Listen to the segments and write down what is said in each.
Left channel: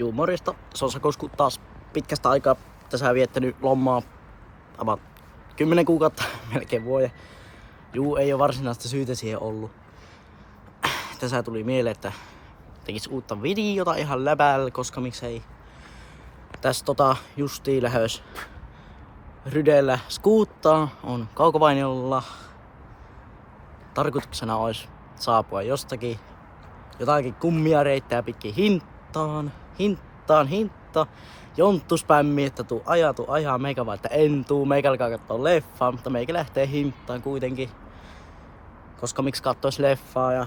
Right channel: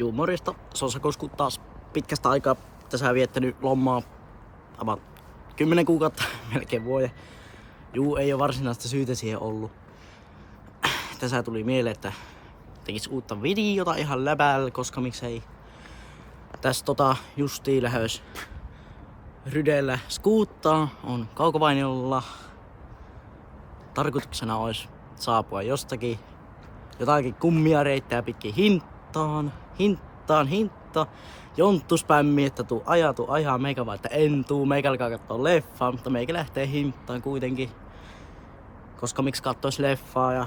Juu, morjesta. Sosakosku taas pitkästä aikaa tässä viettänyt lomaa. About 10 kuukautta, melkein vuoden. Juu, ei ole varsinaista syytä siihen ollut. Tässä tuli mieleen, että tekis uutta videota ihan läpällä, koska miksei. Tässä justiin lähes Rydellä skuuttaa, on Kaukovainiolla. Tarkoituksena olisi saapua jotakin kummia reittää pitkin hintaan. Jonttu spämmi, että tuu ajaa meikä vaan, että en tuu, meikä alkaa kattoo leffaa, mutta meikä lähtee hintaan kuitenkin. Koska miksi kattois leffaa ja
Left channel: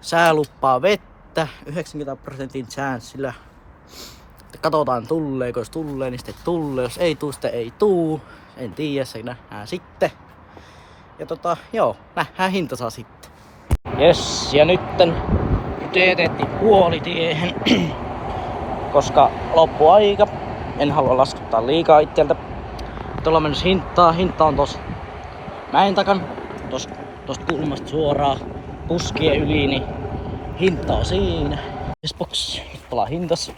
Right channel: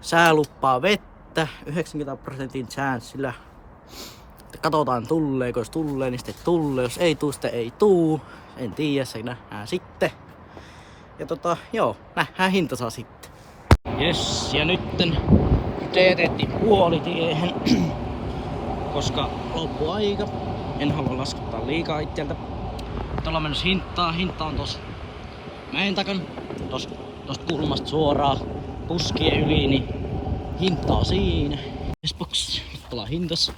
sää luppaa vettä 90% chanssillä. Katsotaan tulleeko, jos tulee, niin sitten tulee, jos ei tuu, sitten ei tuu. En tiedä, se nähdään sitten. Ja joo, nähdään hintansa sitten. Jes, ja nytten teetettiin puolitiehen, koska loppuaika. En halua laskuttaa liikaa itseltä. Tuolla on mennessä hintaa. Hinta on tossa mäen takan, tosta kulmasta suoraan puskien yli, niin hinta on siinä. Jesbox, nyt ollaan hintas.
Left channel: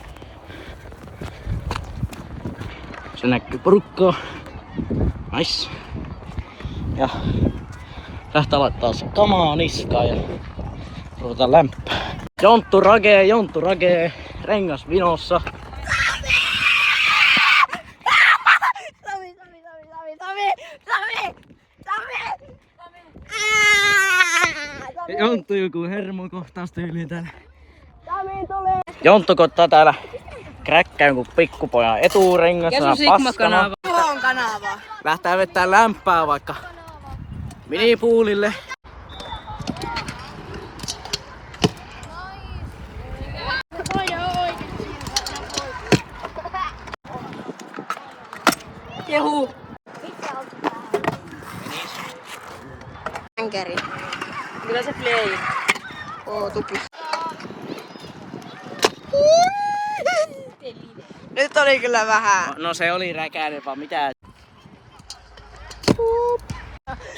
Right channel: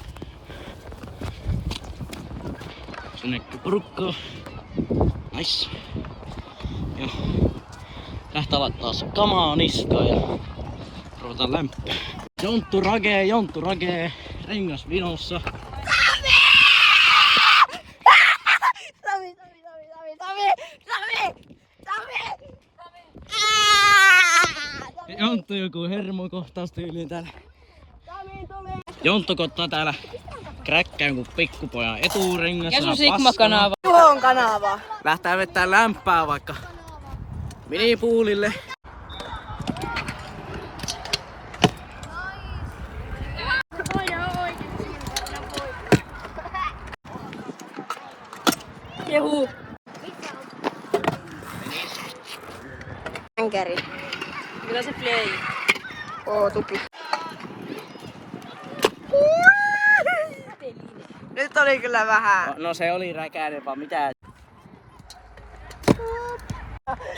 Se näkyy porukkaa. Nice. Ja lähtee laittaa se kamaa niskaan ja ruvetaan lämpää. Jonttu ragee, rengas vinossa. Jonttu joku hermokohtaus tyyliin täällä. Jonttu koittaa täällä kräkkää jonkun pikkupojan eturengassa paskana. Tuhon kanava. Lähtää vettää lämpää vaikka minipuulille. Jehu. Änkeri. Kyllä se play. Tupla. Nyt oli kyllä vähän. No se oli räkäinen vaan mitään.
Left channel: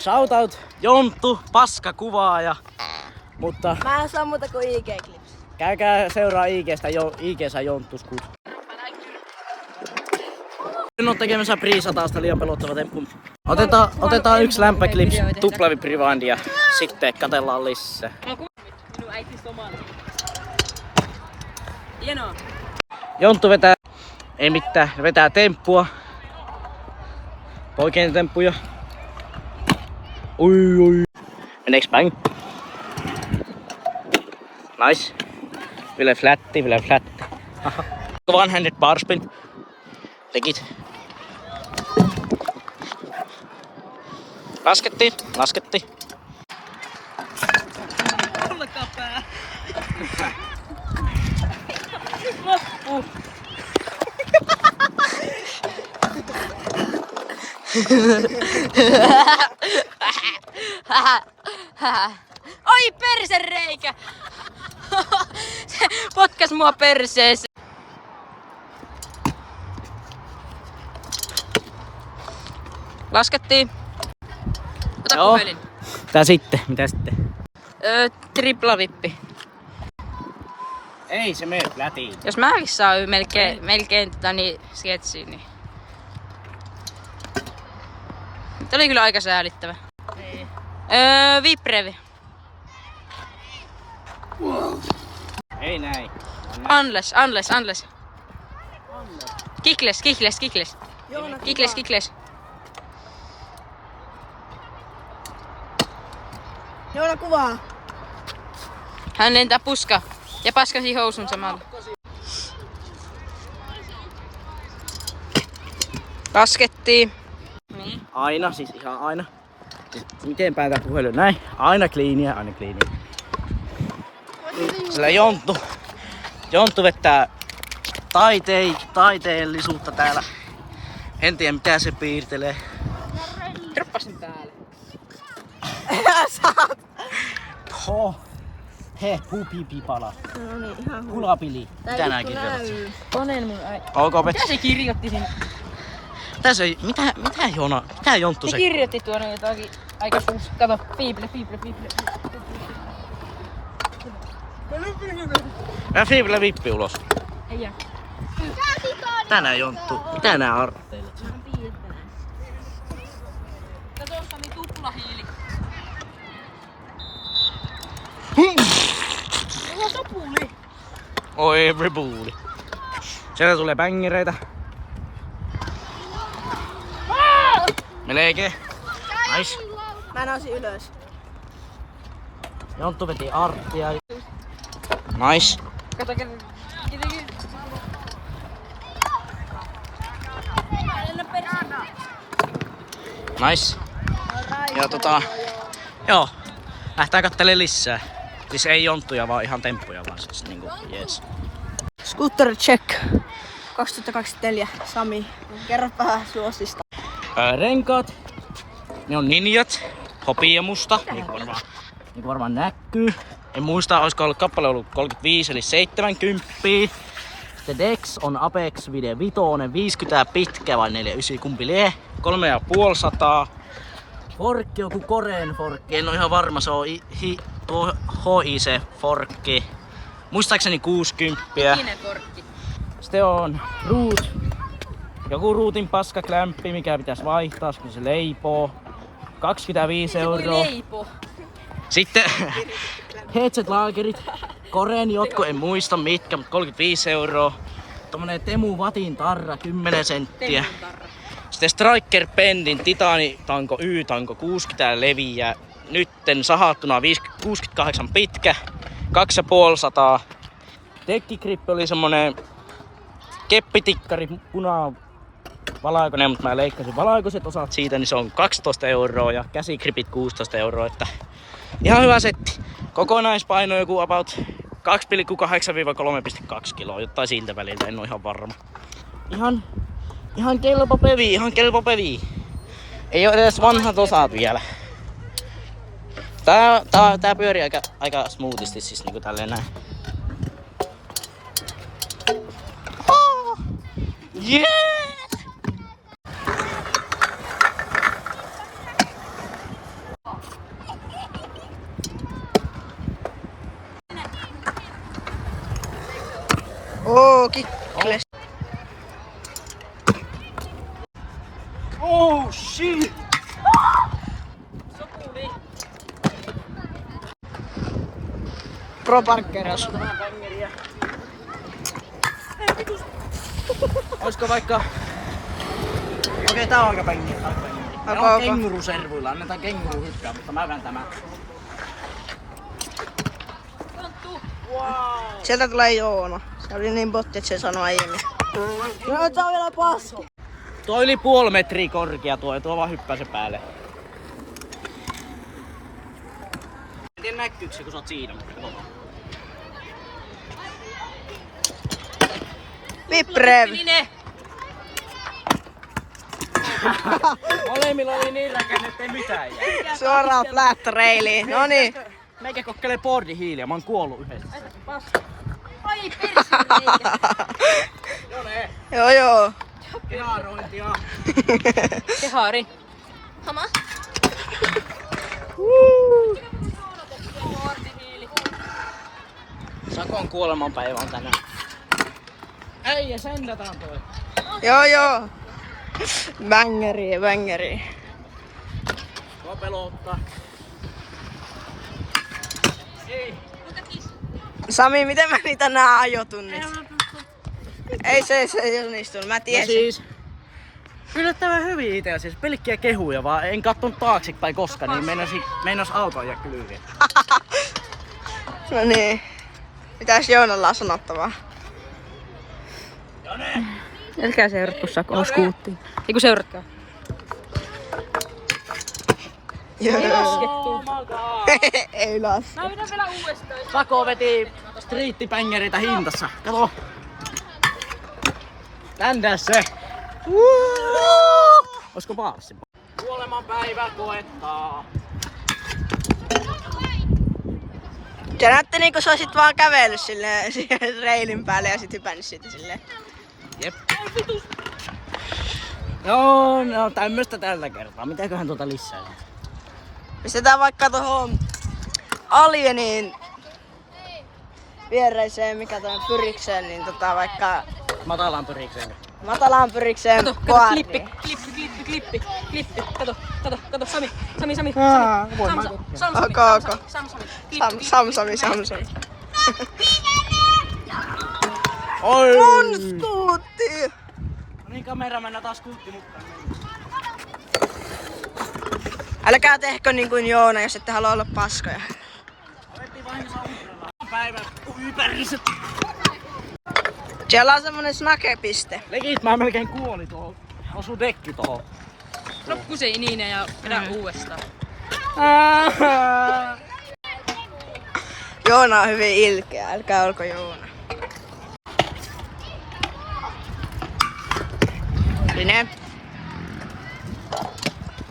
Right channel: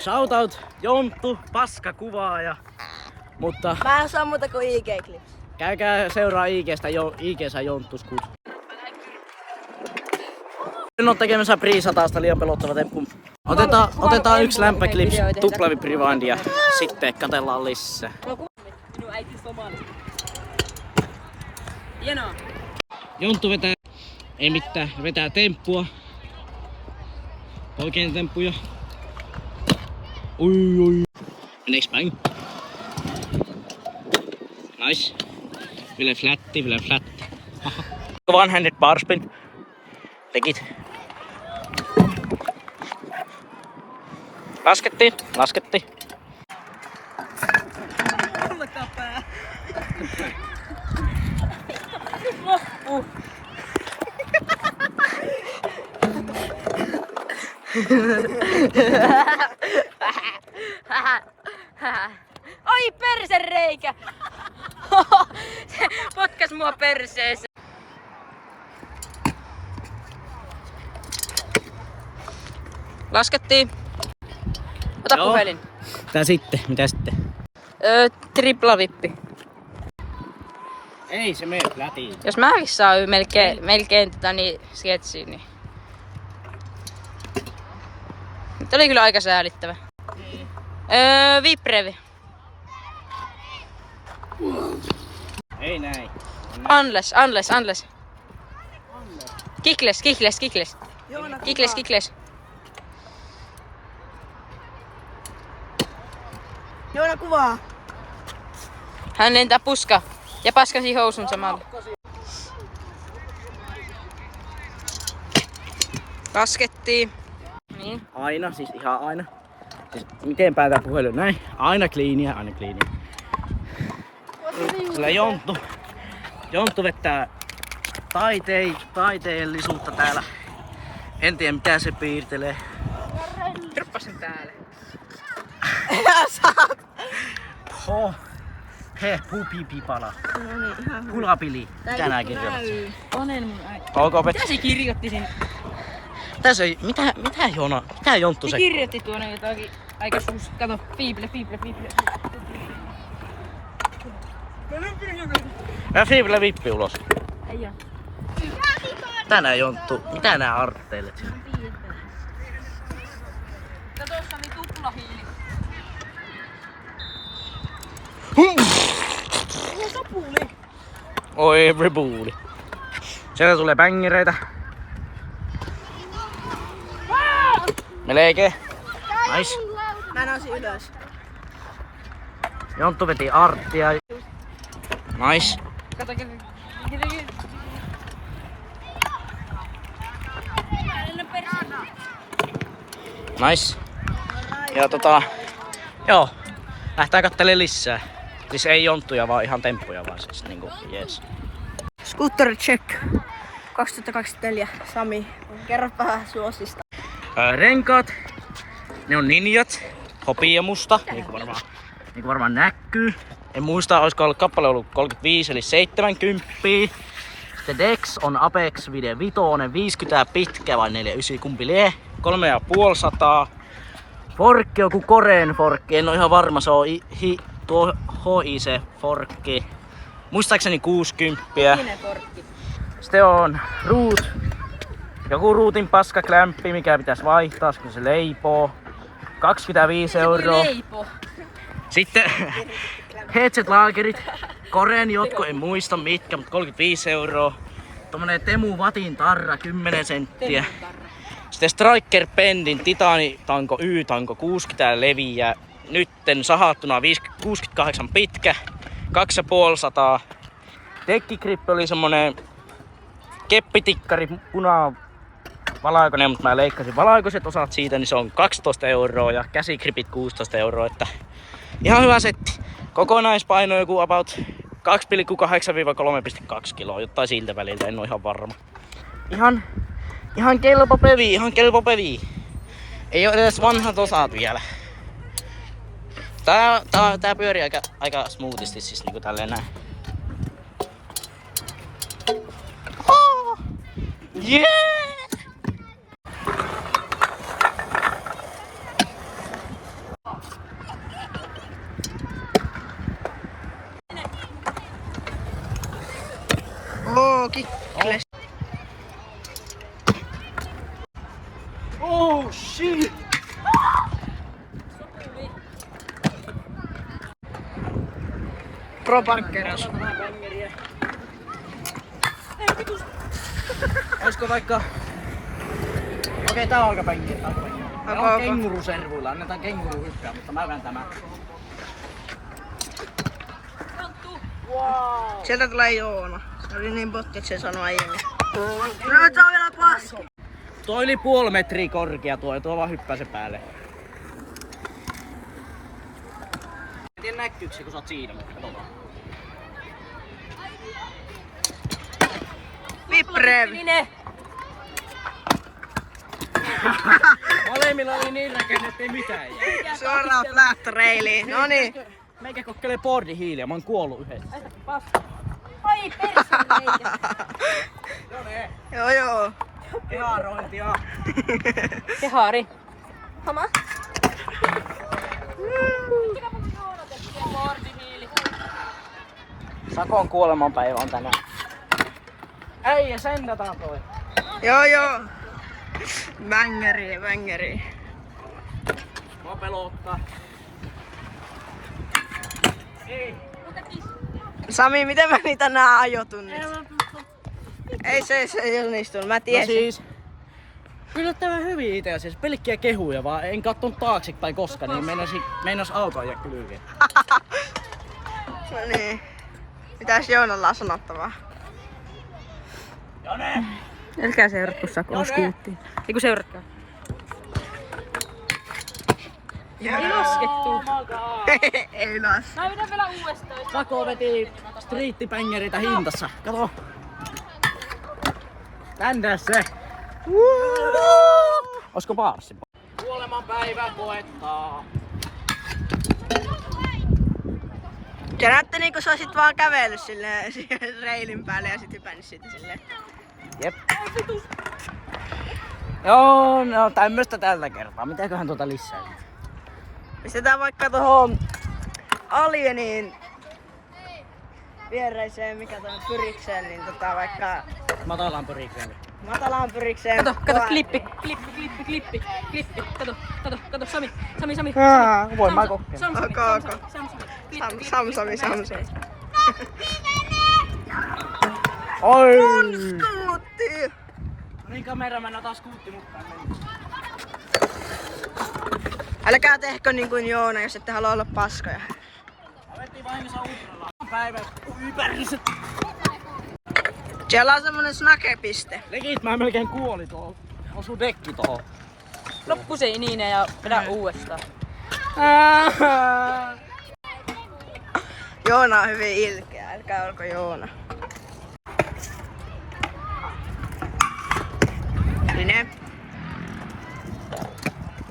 Shoutout Jonttu, paska kuvaaja. Mutta Mä en saa muuta kuin IG-clips. käykää seuraa IG:ssä Jonttu Skut. En oo tekemässä priisataasta liian pelottava temppu. Otetaan yksi lämpäklips tuplavi rewind ja sitten katsellaan lisää. Minun äiti somali. Hienoa. Jonttu ei mitään, vetää temppua. Poikien temppuja. Oi. Meneeks bang? Nice. Vielä flatti. One-handed bar spin. Tekit. Laskettiin. Olkaa pää. Loppu. Oi persereikä! Se potkas mua perseeseen. Laskettiin. Ota Joo. puhelin. Mitä sitten? Triplavippi. Ei se mene flätiin. Jos mäkin saa melkein niin sketsiin, niin... Nyt oli kyllä aika säälittävä. Viprevi. Ei näin. Unless. Kikles. Joona kuvaa. Hän lentää puska ja paskasi housun samalla. Laskettiin. Niin. Aina, siis ihan aina. Siis miten päätään puhelin? Näin. Aina kliiniä. Sillä Jonttu vettää taiteellisuutta täällä. En tiedä mitä se piirtelee. Droppasin päälle. Pupipipala. No niin, ihan hyvä. Kulapili. Mitä nää kirjoitat? Onelmin äiti. Olko Mitä se kirjoitti sinne? Mitä Joona? Mitä Jonttu Se se? kirjoitti tuonne jotakin aika käydä fiible. Ja Fiibille vippi ulos. Ei oo. Mitä nää Jonttu? Mitä nää artteilet? Ja tossa oli tuplahiili. Ihan sopuli. Oi rebuuli. Sieltä tulee bängereitä. Melkein. Nice. Mä nousin ylös. Jonttu veti arttia. Nice. Kato, Nice. Ja joo. Lähtää kattelemaan lisää. Siis ei jonttuja, vaan ihan temppuja vaan siis niinku, jees. Scooter check. 2024. Sami, kerropa suosista. Renkaat. Ne on ninjat. Hopiamusta, niinku varmaan näkyy. En muista, olisiko ollut kappale ollut 35 eli 70. Se Dex on Apex Video 5, 50 pitkä vai 49, kumpi lie. 350. Forkki on joku Koreen forkki, en ole ihan varma, se on tuo HIC forkki. Muistaakseni 60. Sitten on joku ruutin paskaklämppi, mikä pitäisi vaihtaa, kun se leipoo. 25 euroa. Sitten headset-laakerit, Koreen jotkut, en muista mitkä, mutta 35 euroa. Tommonen Temu Vatin tarra, 10 senttiä. Sitten Striker Pendin Titanitanko Y-tanko 60 leviä. Nytten sahattuna 68 pitkä, 250. Dekkigrippi oli semmonen keppitikkari, valkoinen, mutta mä leikkasin valkoiset osat siitä, niin se on 12 euroa ja käsigripit 16 euroa. Että ihan hyvä setti. Kokonaispaino joku about 2,8-3,2 kiloa, jotain siltä väliltä, en oo ihan varma. Ihan kelpo pevi. Ei oo edes vanhat osat vielä. Tää pyörii aika smoothisti siis niinku tälleen näin. Oh, yeah! Kickles. Oh shit! Pro parkkeras. Olisiko vaikka... Okei, tää on aika bängeri. Tää on kenguruservuilla, annetaan kenguru hyppää, mutta mä vään tämän. Sieltä tulee Joona. Se oli niin botti, että se sanoi aiemmin. No, tää on vielä paski. Tuo yli 0,5 metriä korkea tuo vaan hyppää se päälle. En tiedä näkyykö se, kun sä oot siinä, mutta katsotaan. Viprev. Molemmilla oli niin näkyy, ettei mitään jää. Suoraan flat railiin. Noniin. Meikä kokkelee boardin hiiliä, mä oon kuollut yhdessä. Oi, perse. Joo. Keharointia. Kehari. Sakon kuolemanpäivä on tänään. Äijä, sendataan toi. Joo. Bängeri. Mua pelottaa. Ei. Sami, miten mä niitä nää ajotunnit? Ei se ei onnistunut, mä tiesin. No siis, yllättävän hyvin itse asiassa, pelkkiä kehuja, vaan en kattonut taaksepäin koskaan, niin meinas auto ajaa kylviä. No niin. Mitäs Joonalla on sanottavaa? Älkää seuratko Sakoon skuuttiin. Eiku seuratkaa. Ei las. Mä vedän vielä uudestaan. Sako veti striittibängereitä hintassa. Kato. Tänne se. Olisiko baarsi? Kuolemanpäivä koettaa. Se näytti niinku sä olisit vaan kävellyt silleen siihen reilin päälle ja sit hypännyt siitä silleen. Jep. Joo, no tämmöstä tällä kertaa. Mitäköhän tuota lisää? Pistetään vaikka tohon Alieniin viereiseen, mikä tuonne pyrikseen, niin vaikka Matalaan pyrikseen. matalaan pyrikseen. Kato, klippi. Kato, Sami. Voin mä kokeilla. Sami. Oi! Mun skuutti! Niin kamera mennä taas skuutti mukaan. Älkää tehkö niin kuin Joona, jos ette halua olla paskoja. Päivä ympäriset. Siellä on semmonen snakepiste. Legit, mä melkein kuolin tuohon. Osu dekki tohon. Loppu se niin ja vedä uudestaan. Joona on hyvin ilkeä, älkää olko Joona. Line.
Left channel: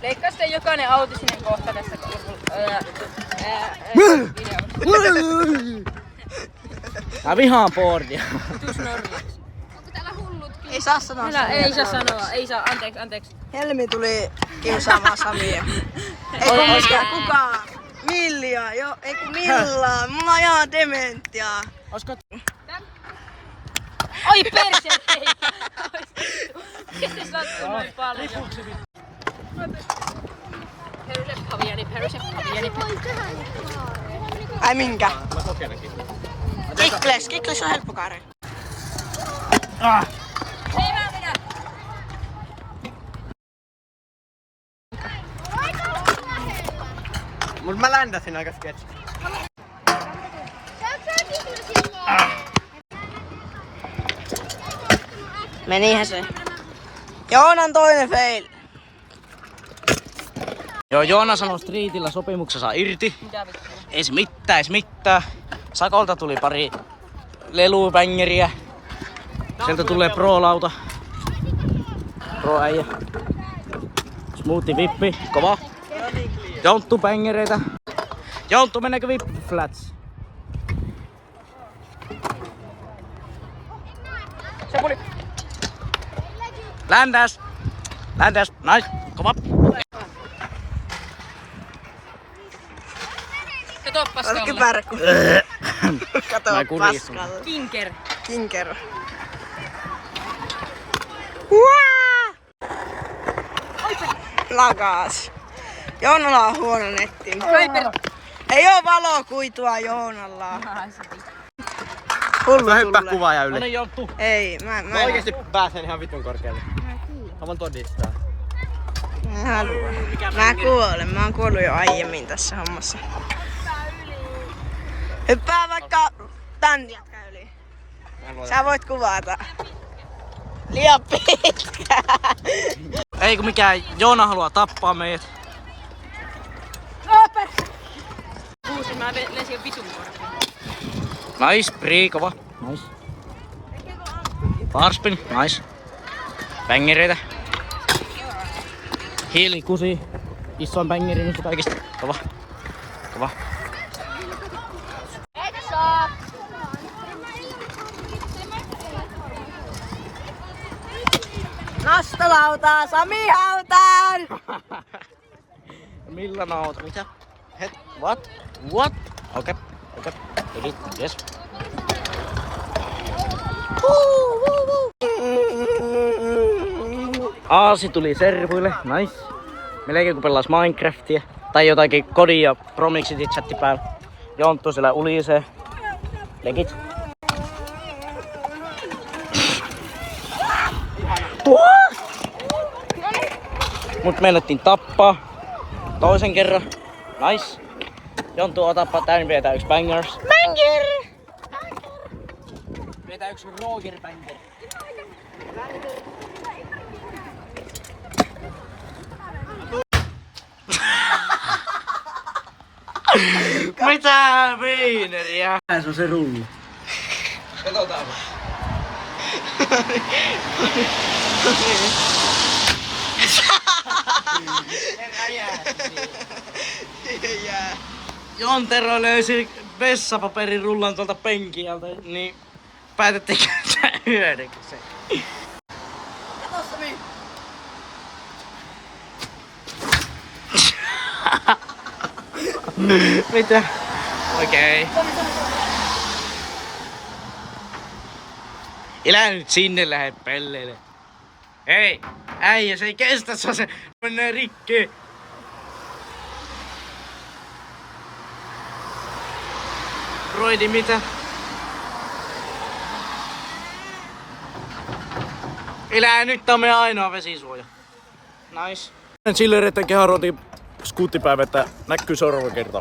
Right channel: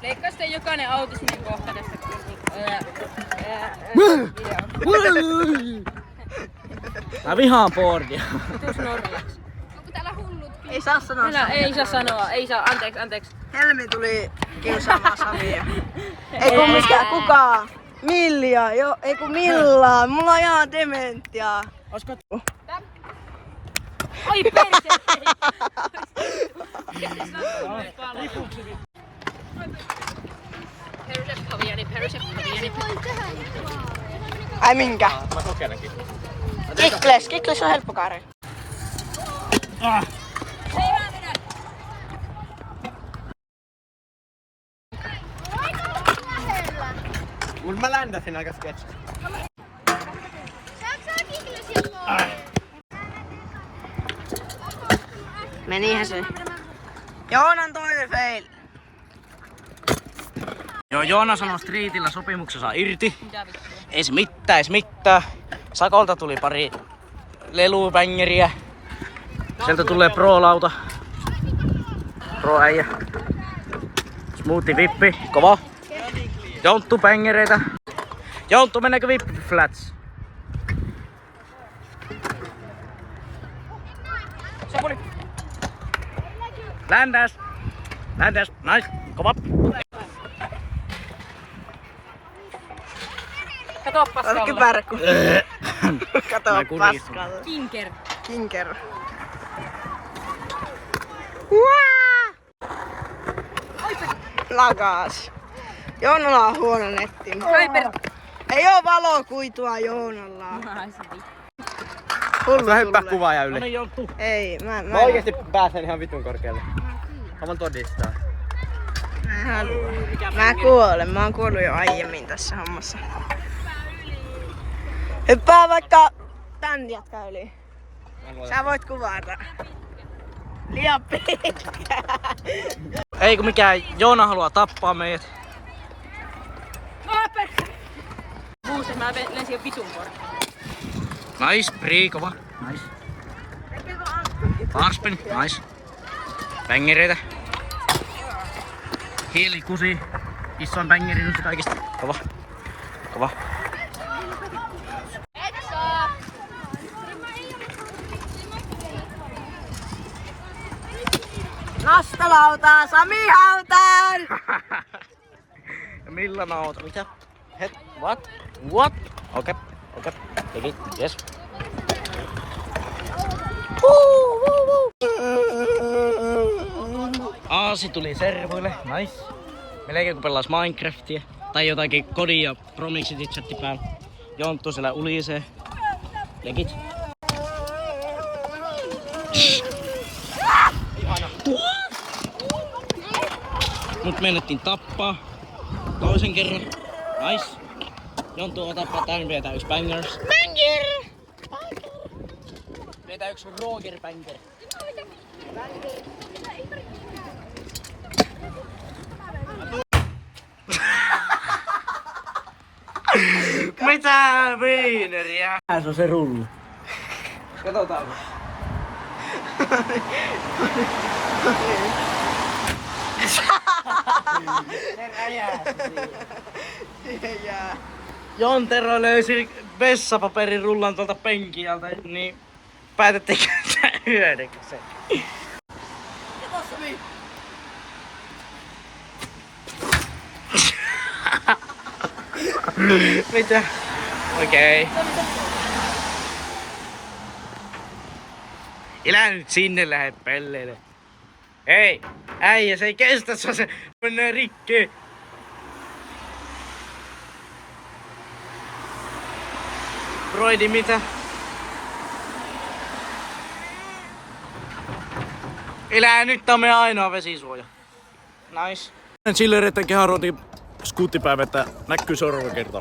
Leikkaa sitten jokainen auto sinne kohta tästä Mä vihaan boardia. Tuus Norjaksi. Ei saa sanoa Samia. Ei saa sanoa, ei saa, anteeksi. Helmi tuli kiusaamaan Samia. Ei kun mikään, kukaan. Milja, ei kun millään. Mulla on ihan dementiaa. Oisko... Oi perse! Mistä sä oot noin paljon? Ai minkä? Mä kokeilenkin. Kikles on helppo kaari. Mut mä ländäsin aika sketch. Menihän se. Joonan toinen fail. Joo, Joona sanoi Streetillä sopimuksessa irti. Ei se mitään. Sakolta tuli pari lelupängeriä. Sieltä tulee pro-lauta. Pro-äijä. Smoothie vippi, kova. Jonttu bängereitä. Jonttu, mennäänkö vippi flats? Ländäs, nice, kova. Kato paskalla. Kypärkku. Kato Mä kuristin. paskalla. Kinker. Lagas. Joonalla on huono netti. Ei oo valokuitua Joonalla. Hullu Mä hyppää tulee. kuvaaja yli. No niin, Jonttu. Ei, mä Mä oikeesti pääsen ihan vitun korkealle. Mä voin todistaa. en halua. Mä kuolen. Mä oon kuollut jo aiemmin tässä hommassa. Hyppää vaikka tän jätkä yli. Sä voit kuvata. Liian pitkä. Ei kun mikään, Joona haluaa tappaa meidät. Muuten mä lensin vitun. Nice, prii, kova. Nice. Barspin, nice. Bängereitä. Hiili, kusi. Isoin bängeri noista kaikista. Kova. Nostolautaa, Sami hautaan! Ja millä nauta? Mitä? What? Okei. Teki, yes. Aasi tuli servuille, nice. Melkein kun pelas Minecraftia. Tai jotakin kodin ja Promixit chatti päällä. Jonttu siellä ulisee. Legit. Mut meinattiin tappaa. Toisen kerran. Nice. Jonttu, otapa tän, vietää yks bangers. Banger! Vietää yks Roger banger. Mitä viineriä? Se on se rulli. Katsotaanpa. Jää. Jontero löysi vessapaperin rullan tuolta penkialta, niin päätettiin käyttää hyödyksi. Kato Sami. Mitä? Okei. Elä nyt sinne lähde pelleille. Hei, äijä, se ei kestä, se menee rikki. Broidi, mitä? Elää nyt, tää on meidän ainoa vesisuoja. Nice. Sille retten keharotin skuuttipäivä, että näkyy seuraava kerta.